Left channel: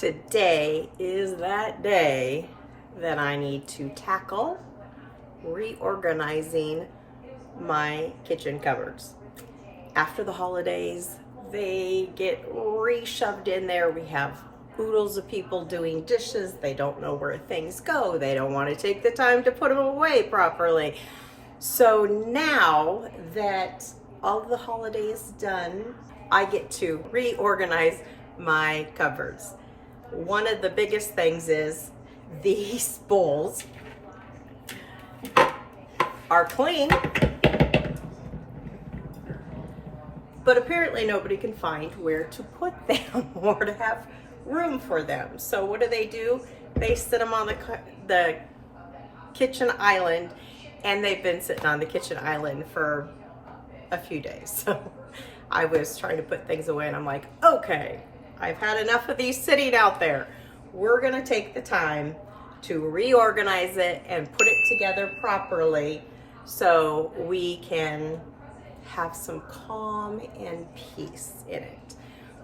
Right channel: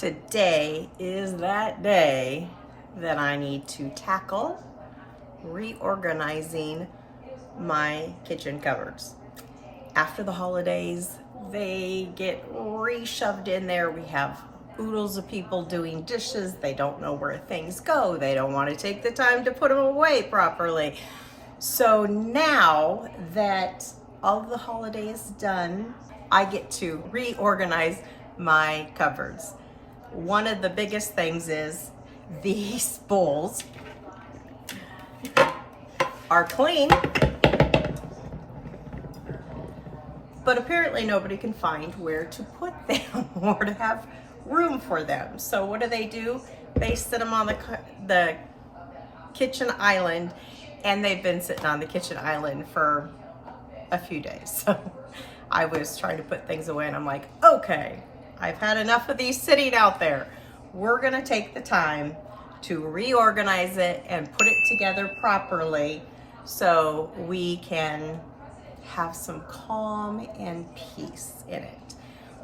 Today is that day that I need to tackle reorganizing my kitchen cupboards. After the holidays, they get re-shoved in there. We have oodles of people doing dishes. They don't know where things go. They don't want to take the time to put them away properly. So now that all of the holidays done, I get to reorganize my cupboards. One of the biggest things is these bowls are clean, but apparently nobody can find where to put them or to have room for them. So what do? They sit them on the kitchen island, and they've been sitting on the kitchen island for a few days. So I was trying to put things away and I'm like, okay, I've had enough of these sitting out there. We're gonna take the time to reorganize it and put it together properly so we can have some calm and peace in it.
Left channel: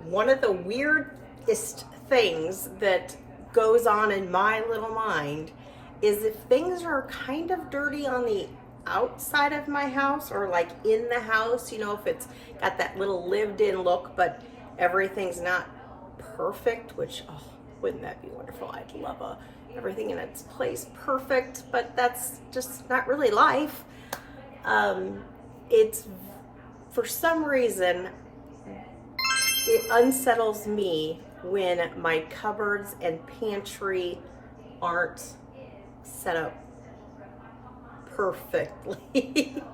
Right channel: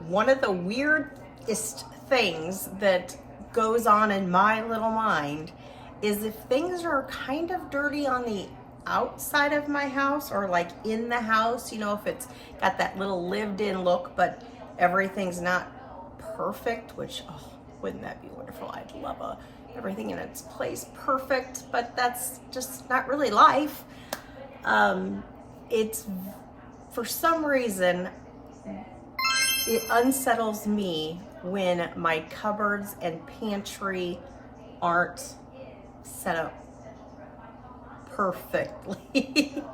One of the weirdest things that goes on in my little mind is if things are kind of dirty on the outside of my house or like in the house, you know, if it's got that little lived in look, but everything's not perfect, which, oh, wouldn't that be wonderful? I'd love everything in its place perfect, but that's just not really life. It's, for some reason, it unsettles me when my cupboards and pantry aren't set up perfectly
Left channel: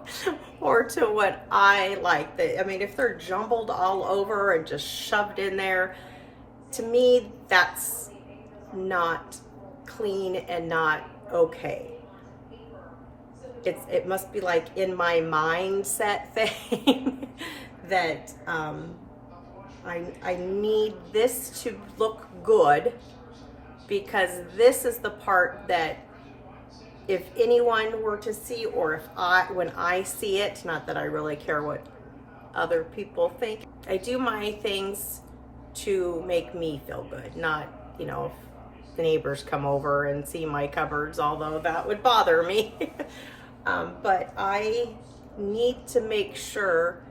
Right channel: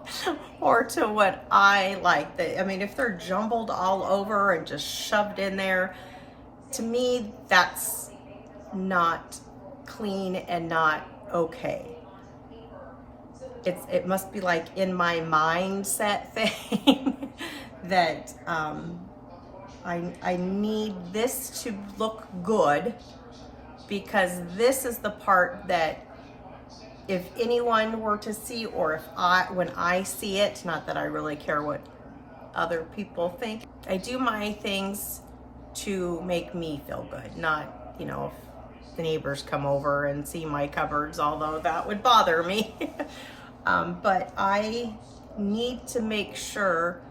or to what I like. I mean, if they're jumbled all over and just shoved in there, to me, that's not clean and not okay. It must be like in my mindset thing that I need this to look good, because this is the part that if anyone were to see, or when I see it, not that I really care what other people think, I do my things to make me feel good, not, you know, if the neighbors come over and see my cupboards, although that would bother me. But I need to make sure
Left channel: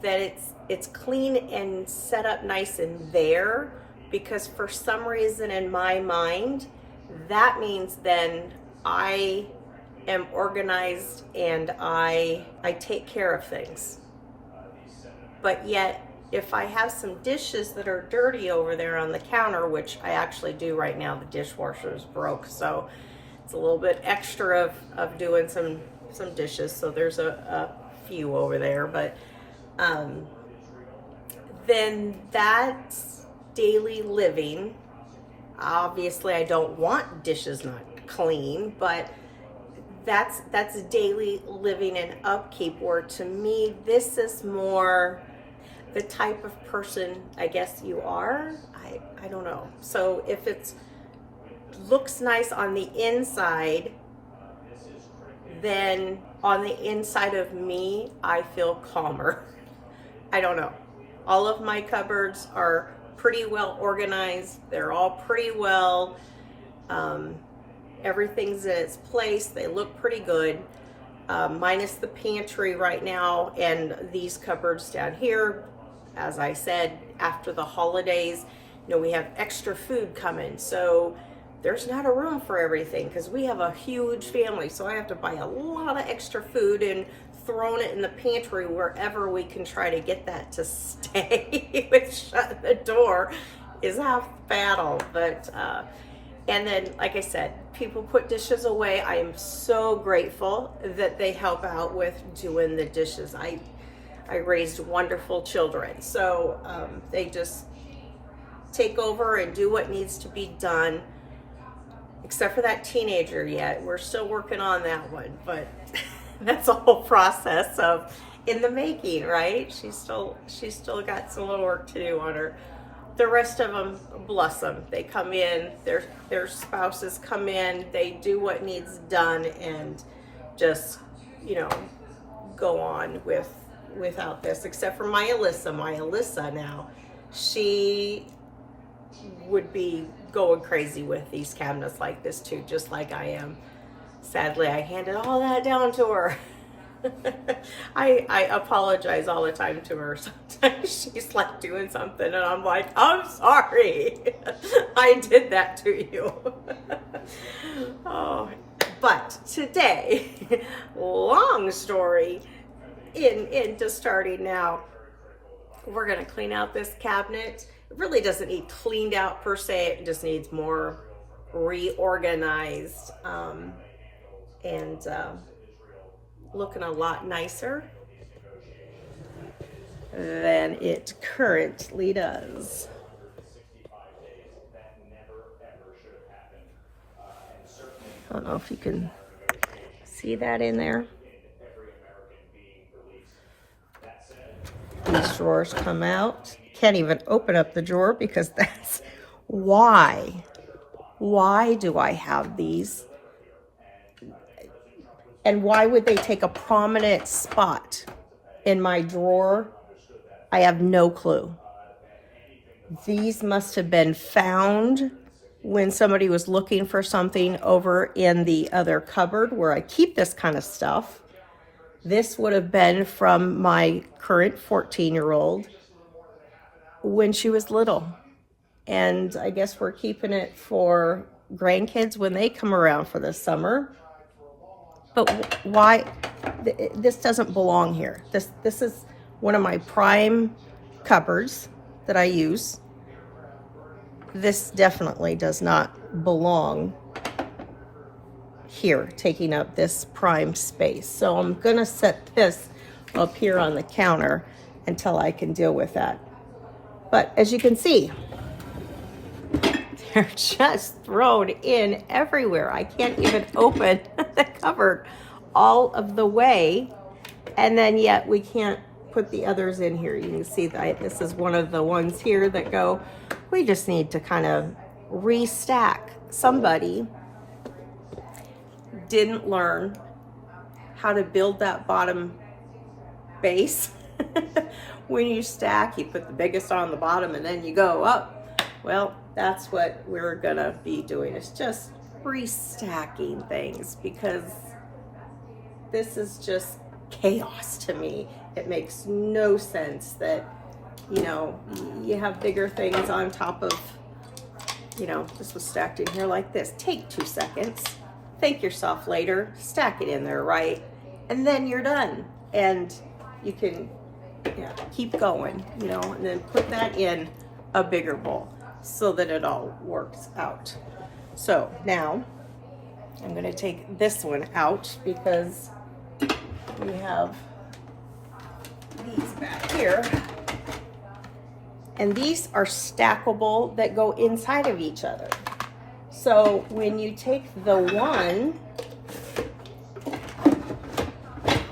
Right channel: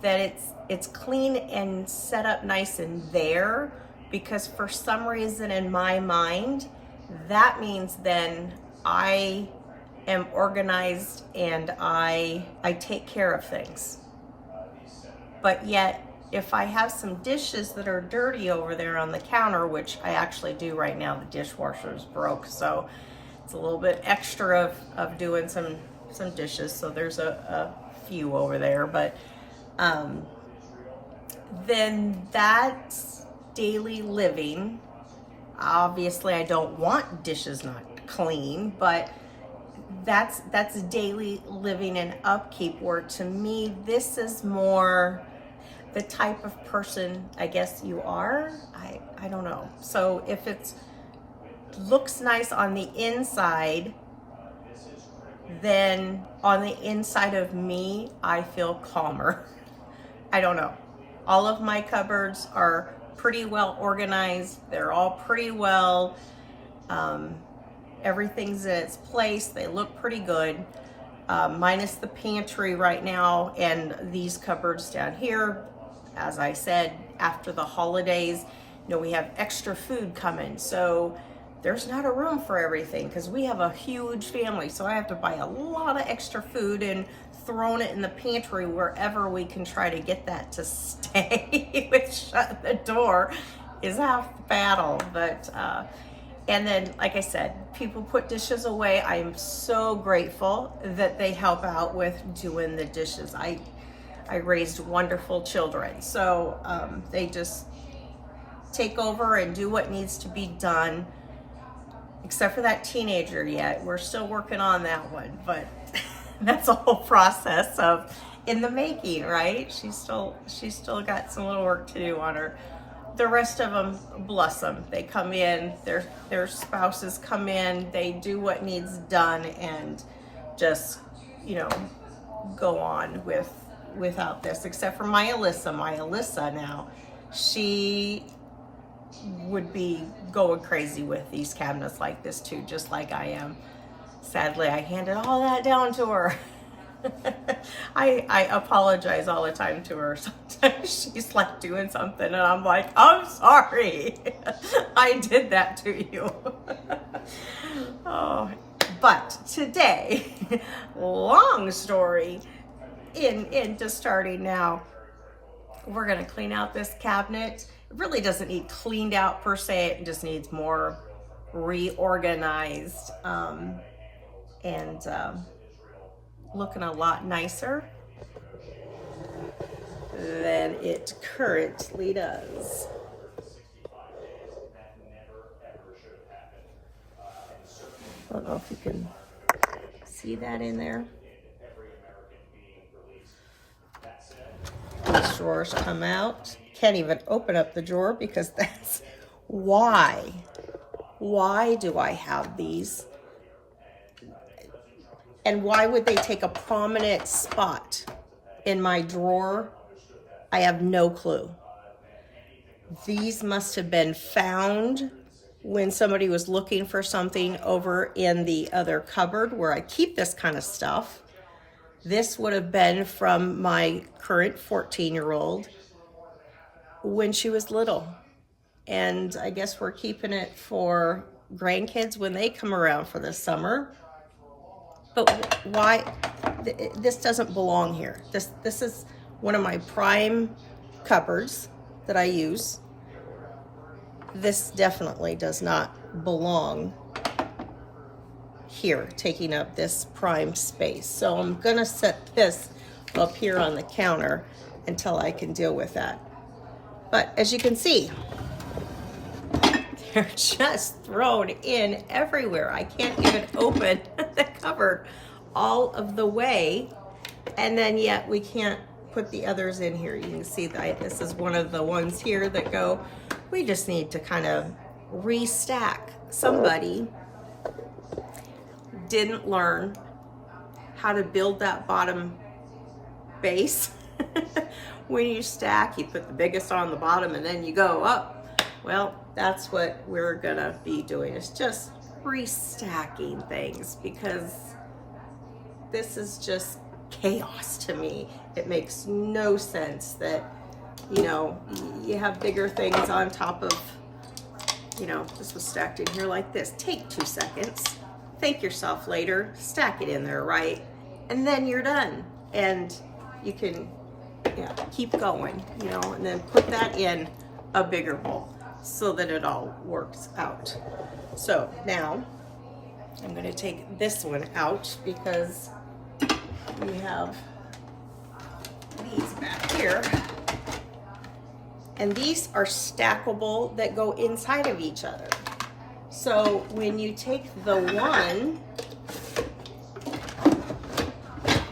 that it's clean and set up nice and there, because for some reason in my mind, that means then I am organized and I take care of things. But yet, if I have some dishes that are dirty over there on the counter, which I actually do right now, the dishwasher is broke, so it's a little bit extra of doing some dishes, so there's a few over there, but then that's daily living. Obviously I don't want dishes not clean, but that's daily living and upkeep, where to me this is more the type of person I guess you are. I don't know. So if it looks nice on the inside, then on the inside of me, I feel calmer. I don't know. All of my cupboards are pretty well organized. They're all pretty well, everything's in its place. They look pretty good, minus the pantry right now and these cupboards down here. As I said, after the holidays, you know, we have extra food coming, so there's not a room for everything because we have a huge family. So I have to buy a lot of extra food and thrown it in the pantry wherever we can try to get that to stay. Which shut the door is half the battle. But and then, like I said, people put dishes away. I am so grateful that they help out with doing the dishes. I raised wonderful children, so they just take over and do what needs to be done. Except for that teenager yet. We're still working on that one, but that's a whole process of in the making, right? She's still got some little work to do on her. The rest of them, bless them, they come in, their spouses come in, they do what needs done and just, you know, go on without this, except for my Alyssa now. She would be going crazy with these cabinets like this too, just like I am. Sadly, I handed all that down to her. I apologize all the time to her. Sometimes she's like doing something and I'm like, I'm sorry. I did that to you. Oh, but today, long story into starting now, we're going to clean out this cabinet. It really doesn't need cleaned out per se. It just needs more reorganized and looking a lot nicer than it currently does. I don't know if you can see that in there. These drawers come out. Can't even open up the drawer because that's why. Why do I have these? And why would they take a prominent spot in my drawer? I have no clue. These must have been found when somebody was looking for something over in the other cupboard where I keep this kind of stuff. This would have been from my current 14-year-old when she was little. And I guess we're keeping it for grandkids when they come around for the summer. But why? This doesn't belong here. This is one of my prime cupboards that I use. This definitely does not belong here, taking up this prime space. So I'm gonna set this up here on the counter until I can deal with that. But as you can see, they're just thrown in everywhere. I can't even open the cupboard all of the way, and then yet we can't put the others in here. You can see that this is one of the ones here that go. We just need to kind of restack. Somebody didn't learn how to build that bottom base. When you stack, you put the biggest on the bottom and then you go up. Well, that's what we're gonna be doing. It's just restacking things because this is just chaos to me. It makes no sense that, you know, you have bigger things on top of, you know, this was stacked in here like this. Take 2 seconds, thank yourself later, stack it in there, right? And then you're done. And you can, yeah, keep going, you know, and then put that in a bigger bowl so that it all works out. So now I'm going to take this one out because we have these back here, and these are stackable that go inside of each other. So when you take the one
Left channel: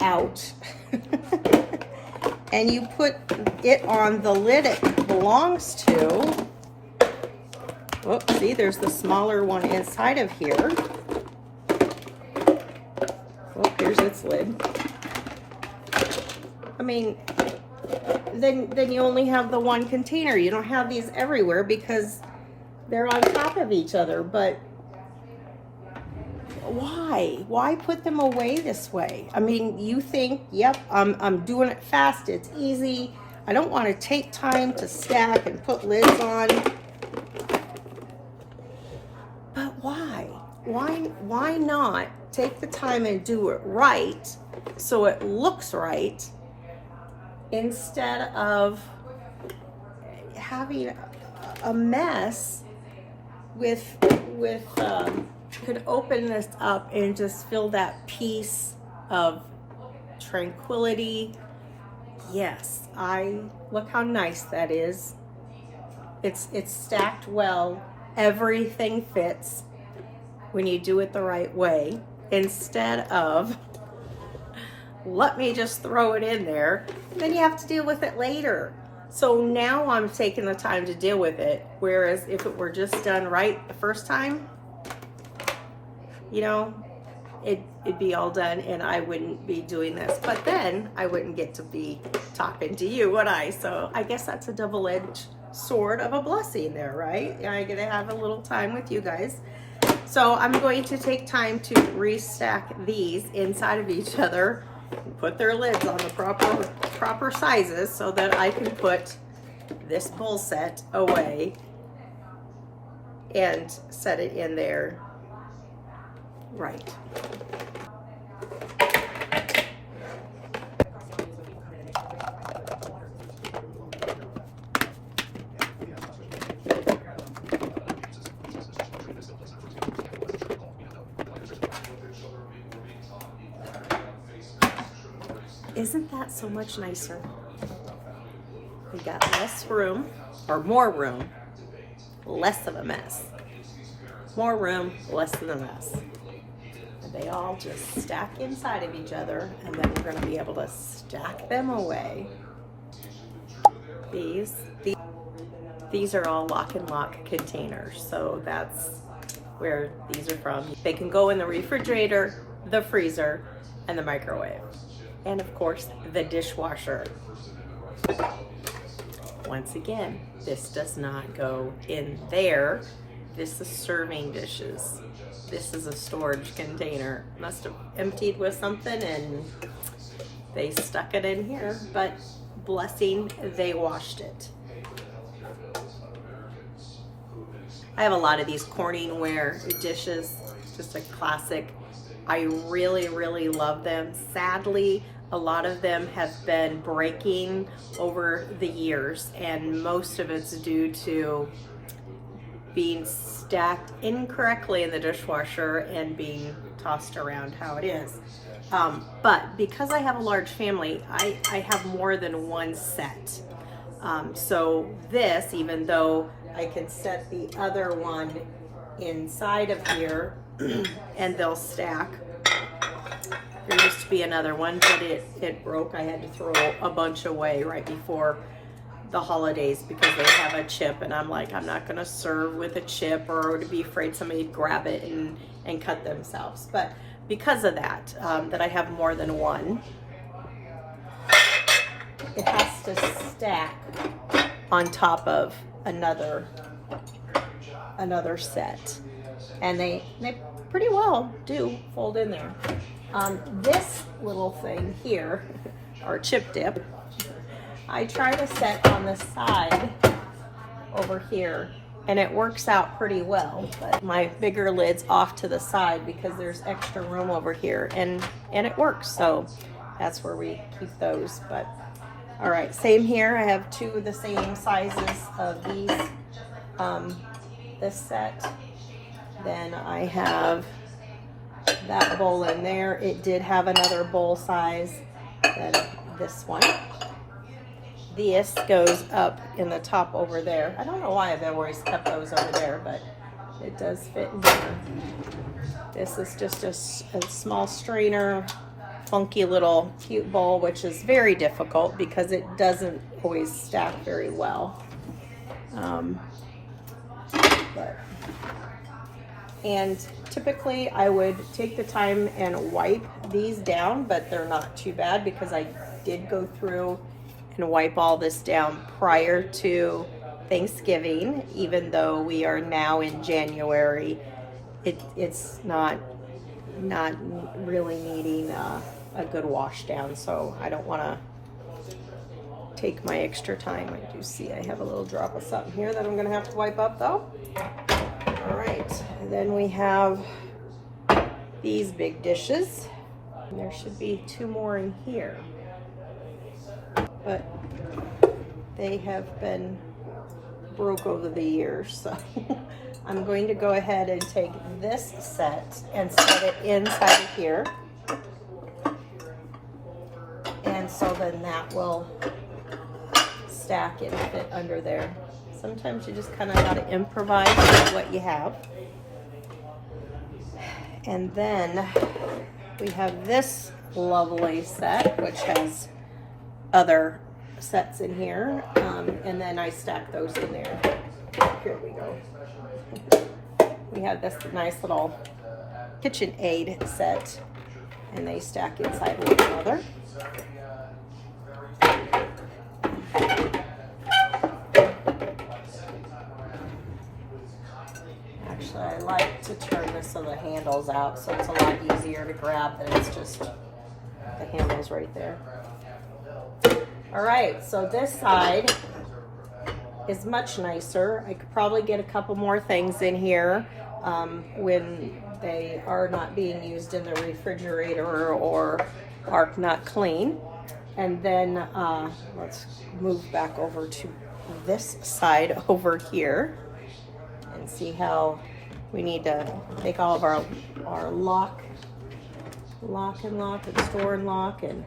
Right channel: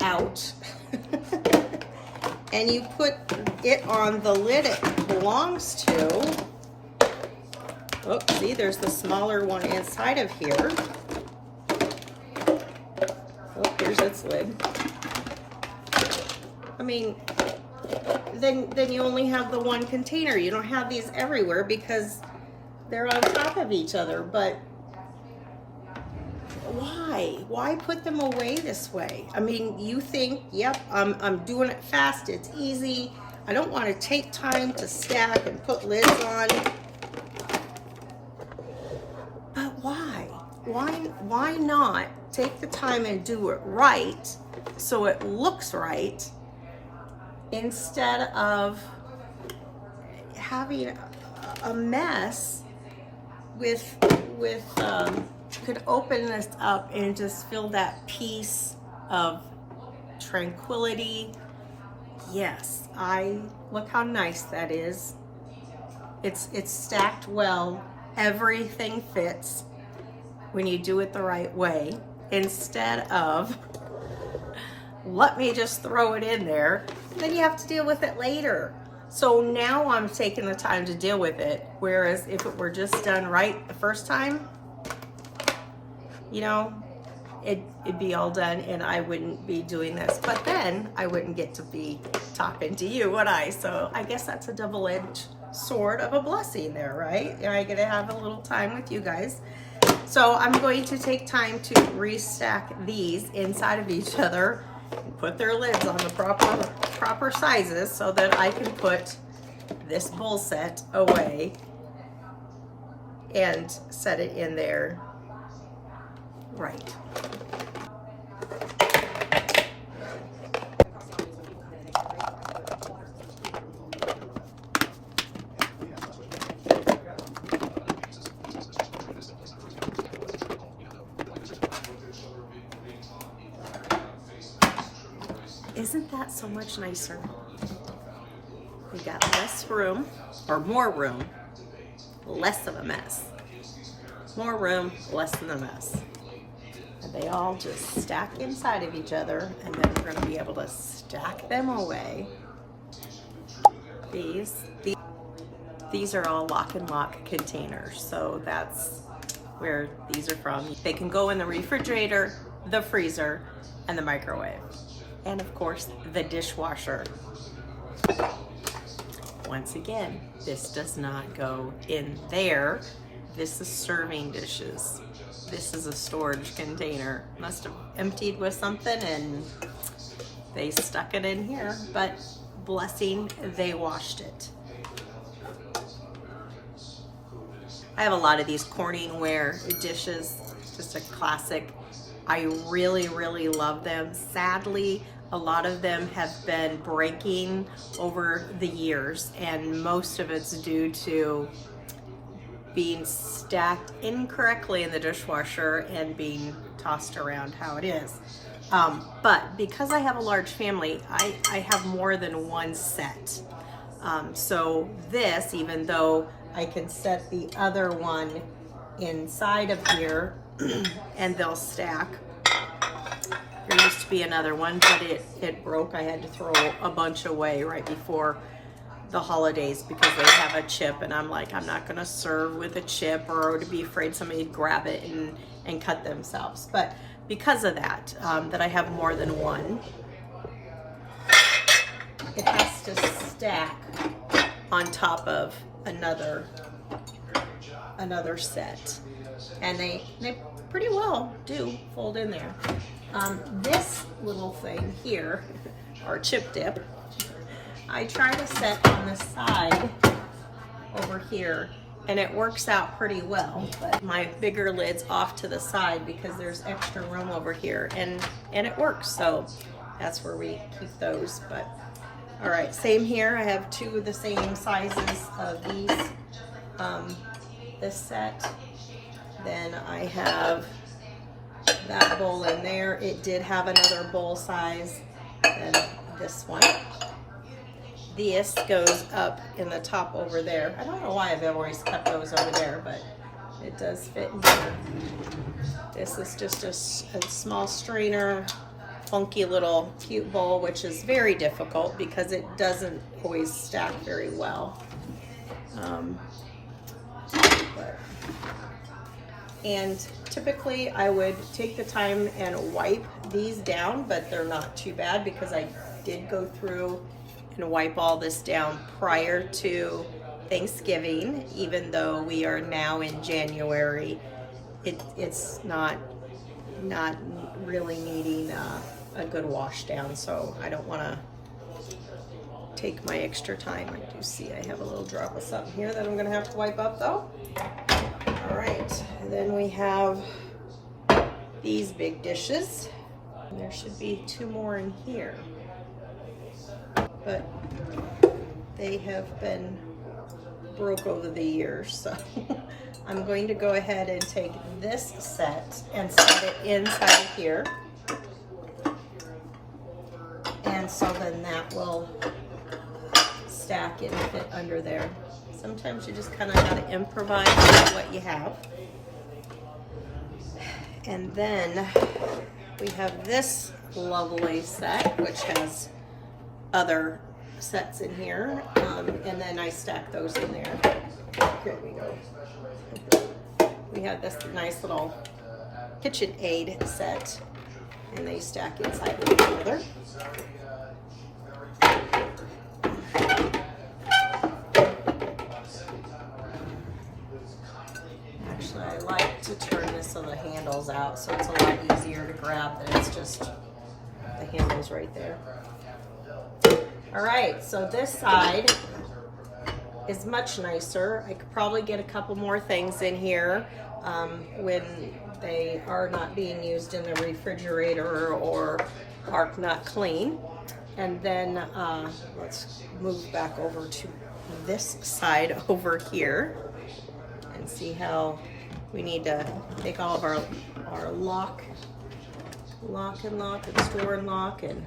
out and you put it on the lid it belongs to, oh, see, there's the smaller one inside of here. Oh, here's its lid. I mean, then you only have the one container. You don't have these everywhere because they're on top of each other. But why? Why put them away this way? I mean, you think, yep, I'm doing it fast. It's easy. I don't want to take time to stack and put lids on. But why? Why not take the time and do it right so it looks right instead of having a mess with could open this up and just feel that peace of tranquility. Yes, look how nice that is. It's stacked well. Everything fits when you do it the right way, instead of let me just throw it in there, then you have to deal with it later. So now I'm taking the time to deal with it, whereas if it were just done right the first time, you know, it'd be all done and I wouldn't be doing this. But then I wouldn't get to be talking to you, would I? So I guess that's a double-edged sort of a blessing there, right? I get to have a little time with you guys. So I'm going to take time to restack these inside of each other, put their lids on the proper sizes so that I can put this bowl set away and set it in there right. Isn't that so much nicer? We got less room, or more room, less of a mess. More room, less of a mess. And they all just stack inside of each other, and then we're gonna be able to stack them away. These are all lock and lock containers, so that's where these are from. They can go in the refrigerator, the freezer, and the microwave. And of course, the dishwasher. Once again, this does not go in there. This is serving dishes. This is a storage container. Must have emptied with something and they stuck it in here, but blessing, they washed it. I have a lot of these Corningware dishes, just a classic. I really, really love them. Sadly, a lot of them have been breaking over the years, and most of it's due to being stacked incorrectly in the dishwasher and being tossed around how it is. But because I have a large family, I have more than one set. So this, even though I can set the other one inside of here and they'll stack. There used to be another one, but it broke. I had to throw a bunch away right before the holidays because they have a chip, and I'm like, I'm not gonna serve with a chip or to be afraid somebody'd grab it and cut themselves. But because of that, that I have more than one, it has to stack on top of another set, and they pretty well do fold in there. This little thing here, or chip dip, I try to set on the side over here, and it works out pretty well, but my bigger lid's off to the side because there's extra room over here, and it works, so that's where we keep those. But all right, same here. I have two of the same sizes of these, this set. Then I have that bowl in there. It did have another bowl size than this one. This goes up in the top over there. I don't know why I've always kept those over there, but it does fit in here. This is just a small strainer, funky little cute bowl, which is very difficult because it doesn't always stack very well. And typically I would take the time and wipe these down, but they're not too bad because I did go through and wipe all this down prior to Thanksgiving. Even though we are now in January, it's not really needing a good wash down, so I don't want to take my extra time. I do see I have a little drop of something here that I'm going to have to wipe up though. All right, and then we have these big dishes. And there should be two more in here, but they have been broke over the years, so I'm going to go ahead and take this set and set it inside of here, and so then that will stack and fit under there. Sometimes you just kind of got to improvise with what you have. And then we have this lovely set, which has other sets in here, and then I stack those in there. Here we go. We have this nice little KitchenAid set, and they stack inside of each other. Actually, I like to turn this so the handle's out, so it's a lot easier to grab than it's just the handle's right there. All right, so this side is much nicer. I could probably get a couple more things in here when they are not being used in the refrigerator or are not clean. And then let's move back over to this side over here and see how we need to take all of our lock and store and lock and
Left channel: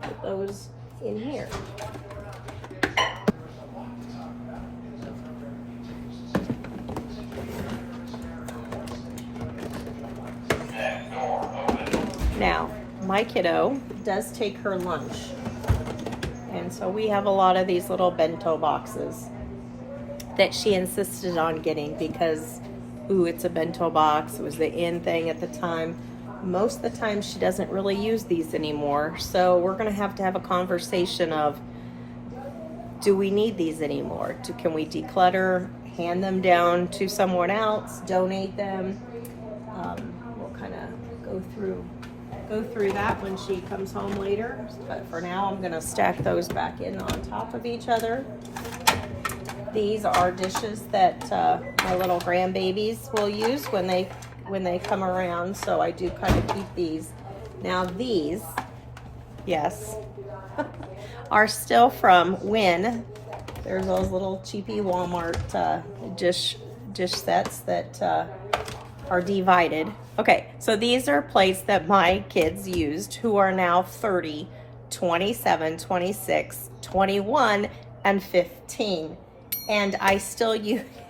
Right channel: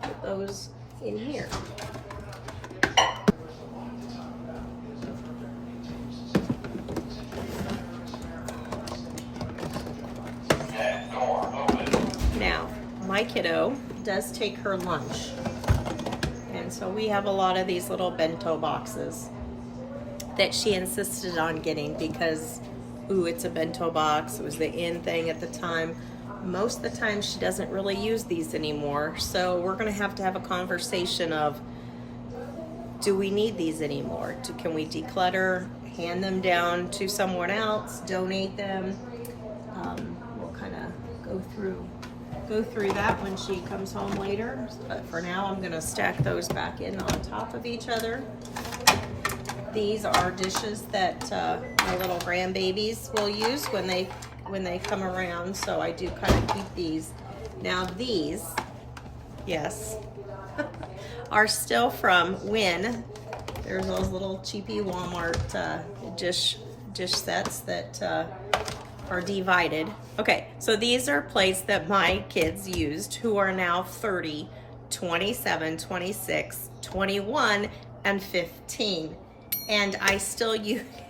put those in here. Now, my kiddo does take her lunch, and so we have a lot of these little bento boxes that she insisted on getting because, ooh, it's a bento box. It was the in thing at the time. Most of the time she doesn't really use these anymore, so we're gonna have to have a conversation of, do we need these anymore? Can we declutter, hand them down to someone else, donate them? We'll kind of go through that when she comes home later, but for now I'm gonna stack those back in on top of each other. These are dishes that my little grandbabies will use when they come around, so I do kind of keep these. Now these, yes, are still from when there's those little cheapy Walmart dish sets that are divided. Okay, so these are plates that my kids used who are now 30, 27, 26, 21, and 15. And I still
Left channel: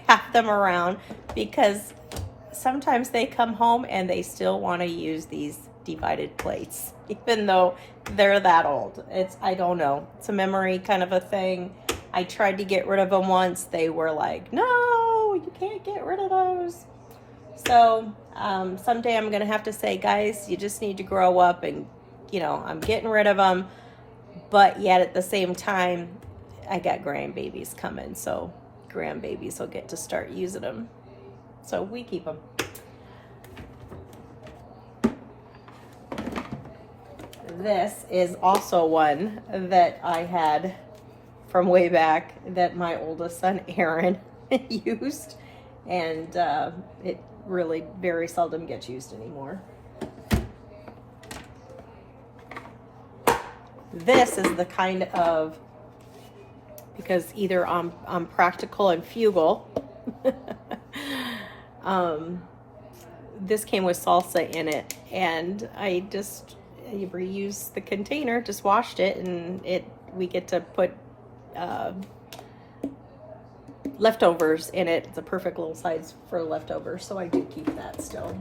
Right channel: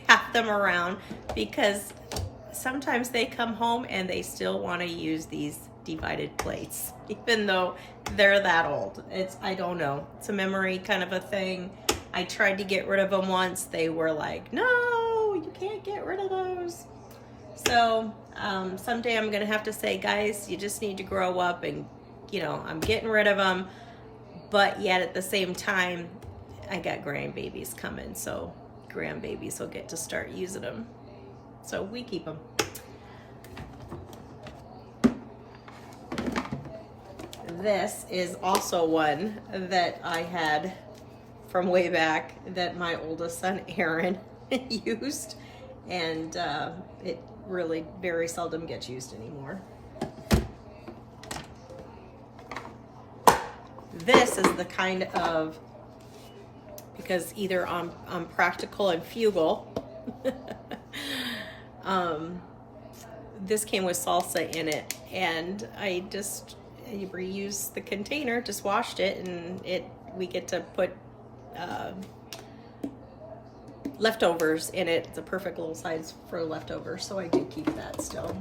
have them around because sometimes they come home and they still want to use these divided plates, even though they're that old. I don't know, it's a memory kind of a thing. I tried to get rid of them once. They were like, no, you can't get rid of those. So someday I'm gonna have to say, guys, you just need to grow up, and I'm getting rid of them, but yet at the same time I got grandbabies coming, so grandbabies will get to start using them, so we keep them. This is also one that I had from way back that my oldest son Aaron used, and it really very seldom gets used anymore. This is the kind of, because either I'm practical and frugal. This came with salsa in it, and I reused the container, just washed it, and we get to put leftovers in it. It's a perfect little size for leftovers, so I do keep that still.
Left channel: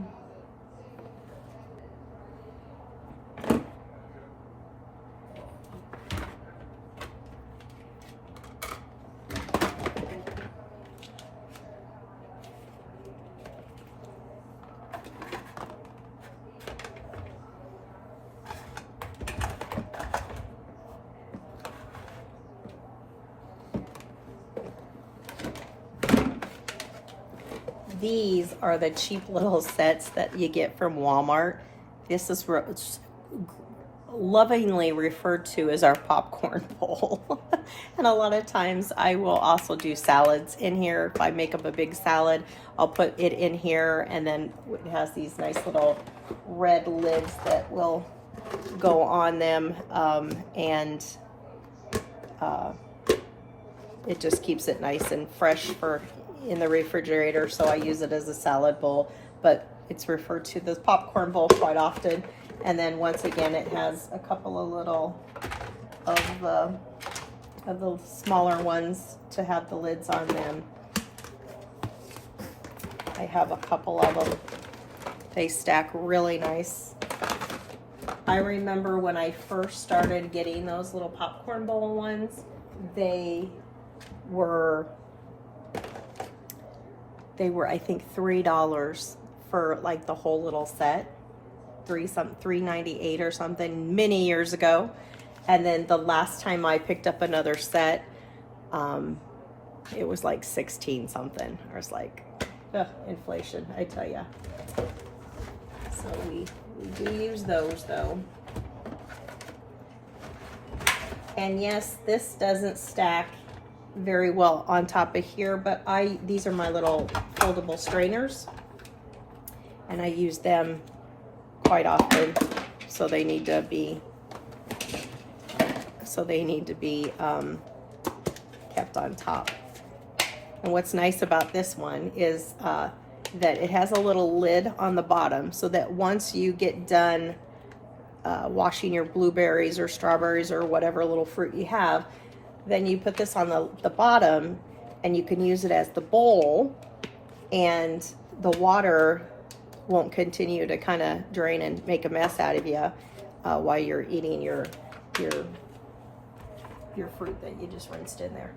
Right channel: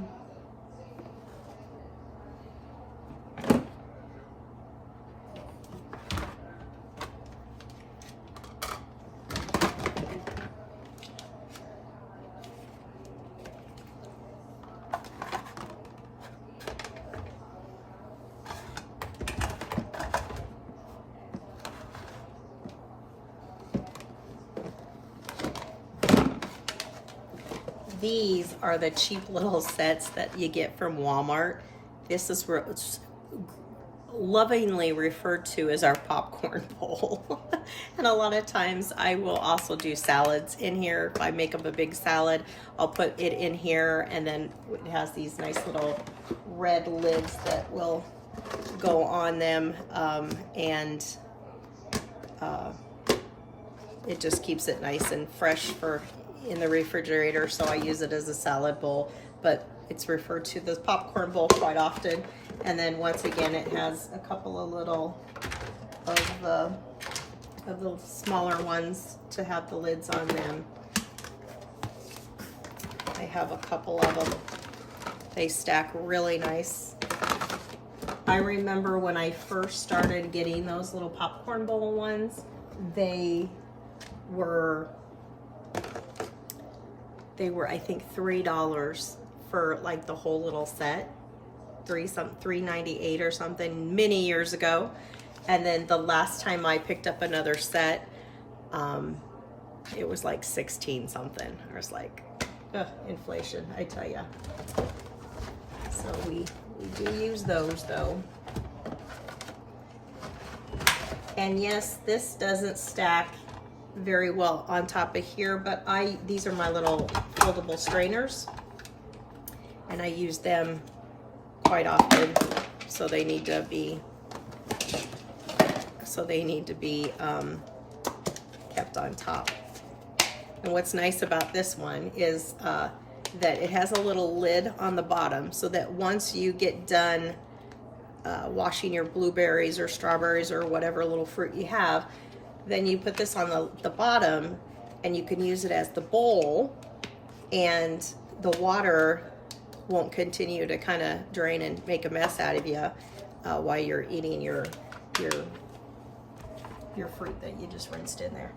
These are the cheap little sets that you get from Walmart. This is lovingly referred to as our popcorn bowl. And a lot of times I will also do salads in here. If I make up a big salad, I'll put it in here, and then it has these nice little red lids that will go on them, and it just keeps it nice and fresh for in the refrigerator, so I use it as a salad bowl, but it's referred to as popcorn bowl quite often. And then once again, it has a couple of little of the smaller ones to have the lids on them. I have a couple of them. They stack really nice. I remember when I first started getting those little popcorn bowl ones, they were I think $3 for like the whole little set, $3.98 or something many years ago. And then the last time I picked up another set, it was like 16 something. I was like, Inflation, I tell ya. So we do use those though. And yes, this doesn't stack very well on top of here, but these are my little foldable strainers, and I use them quite often, so they need to be kept on top. And what's nice about this one is that it has a little lid on the bottom, so that once you get done washing your blueberries or strawberries or whatever little fruit you have, then you put this on the bottom, and you can use it as the bowl, and the water won't continue to kind of drain and make a mess out of you while you're eating your fruit that you just rinsed in there.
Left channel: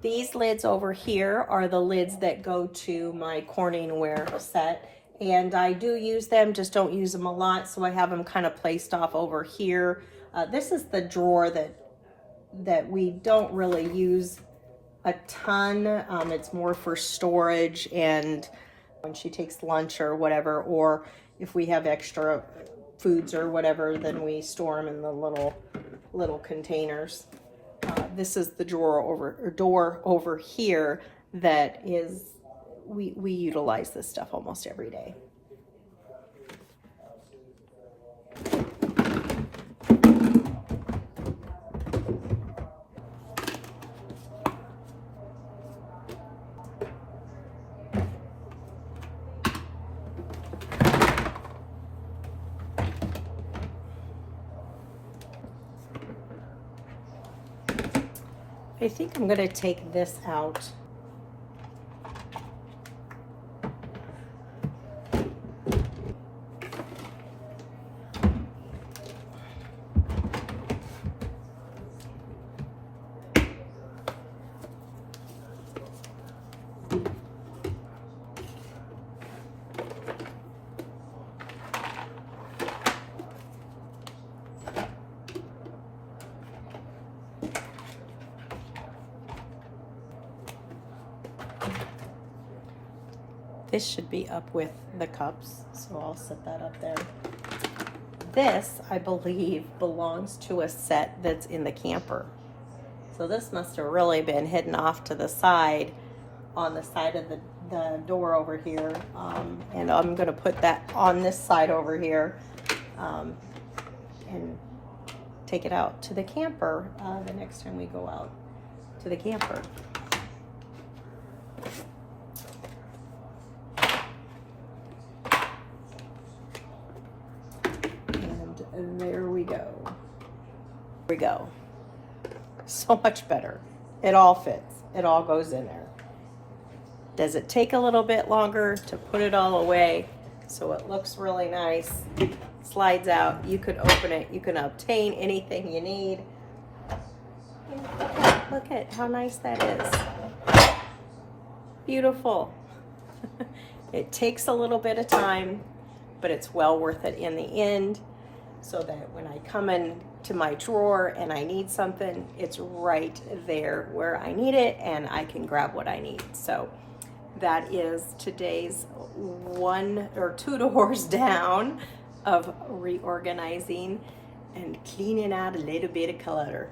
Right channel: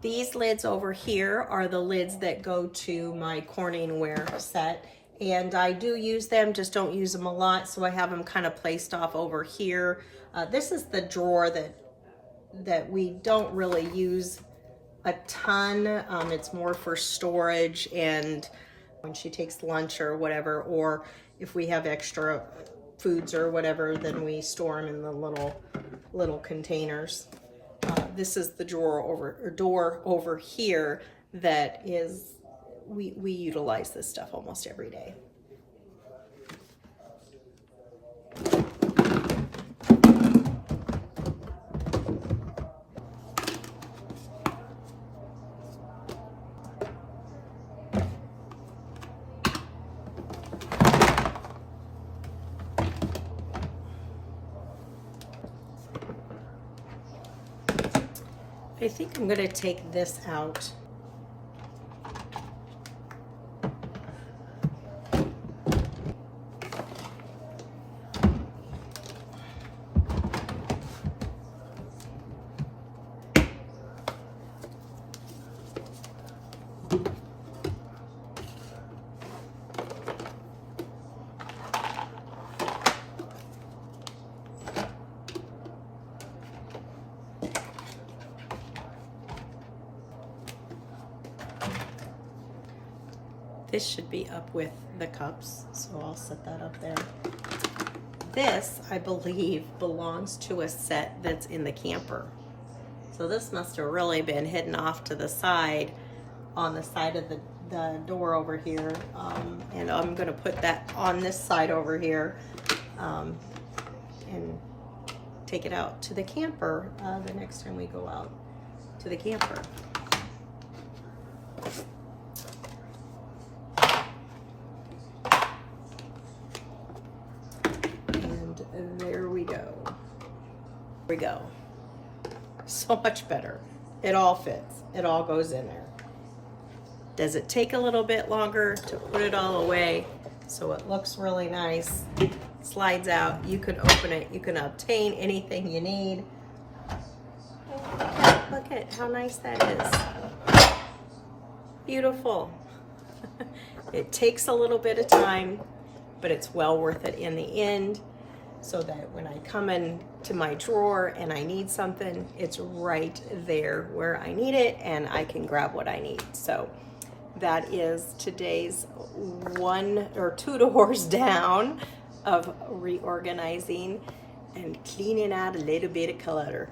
These lids over here are the lids that go to my Corningware set, and I do use them, just don't use them a lot, so I have them kind of placed off over here. This is the drawer that we don't really use a ton. It's more for storage and when she takes lunch or whatever, or if we have extra foods or whatever, then we store them in the little containers. This is the door over here that is, we utilize this stuff almost every day. I think I'm going to take this out. This should be up with the cups, so I'll set that up there. This, I believe, belongs to a set that's in the camper. So this must have really been hidden off to the side, on the side of the door over here. And I'm gonna put that on this side over here and take it out to the camper the next time we go out to the camper. There we go. There we go. So much better. It all fits. It all goes in there. Does it take a little bit longer to put it all away so it looks really nice? Slides out. You could open it. You can obtain anything you need. Look at how nice that is. Beautiful. It takes a little bit of time, but it's well worth it in the end, so that when I come into my drawer and I need something, it's right there where I need it and I can grab what I need. So that is today's 1 or 2 doors down of reorganizing and cleaning out a little bit of clutter.